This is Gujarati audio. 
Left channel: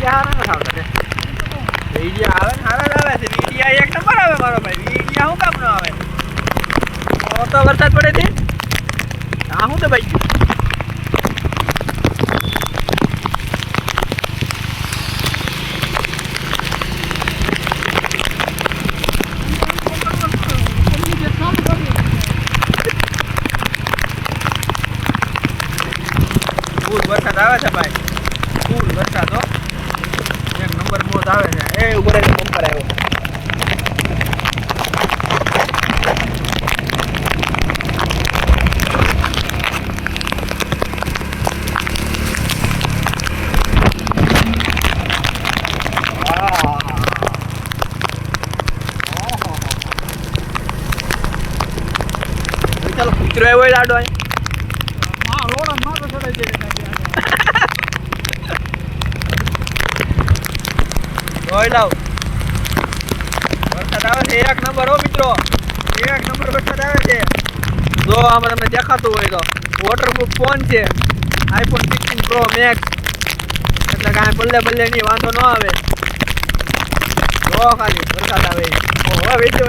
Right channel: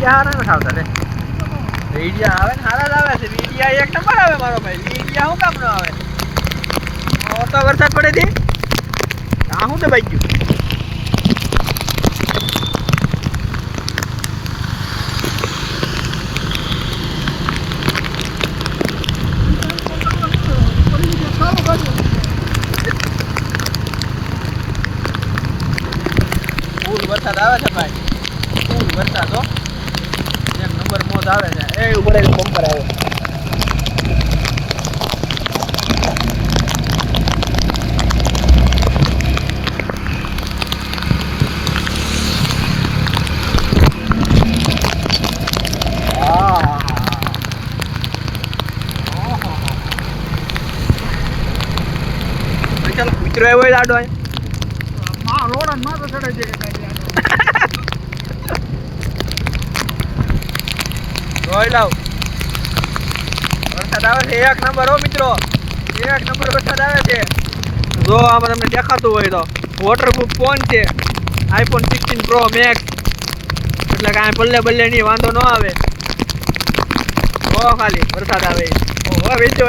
વીડિયા હારા ન આવતા રે વીડિયા આવે ને હારા જ આવે છે વીડિયા એક નંબર આવે મારો ભાઈ વીડિયા હું કામ ન આવે તો વરસાદ પડે છે આ હું દબાઈ ગયું ફૂલ વરસાદ આવે છે ભાઈ ફૂલ વરસાદ હો એક નંબર મોજ આવે છે એ ઉપર એક બમ્પર આવ્યો ચાલો કૂતરો આવ્યો હોય લાડો લોડા માથે ચડાઈ જાય જોઈ લાવ વરસાદ આવે છે એક નંબર હો મિત્રો એક નંબર વરસાદ આવે છે જો આમાં તમને દેખાતું હોય તો વોટરપ્રૂફ ફોન છે આઈફોન 16 પ્રો મેક્સ એટલે કાંઈ બલ્લે નહીં વાંધો ન આવે ખાલી વરસાદ આવે વેચો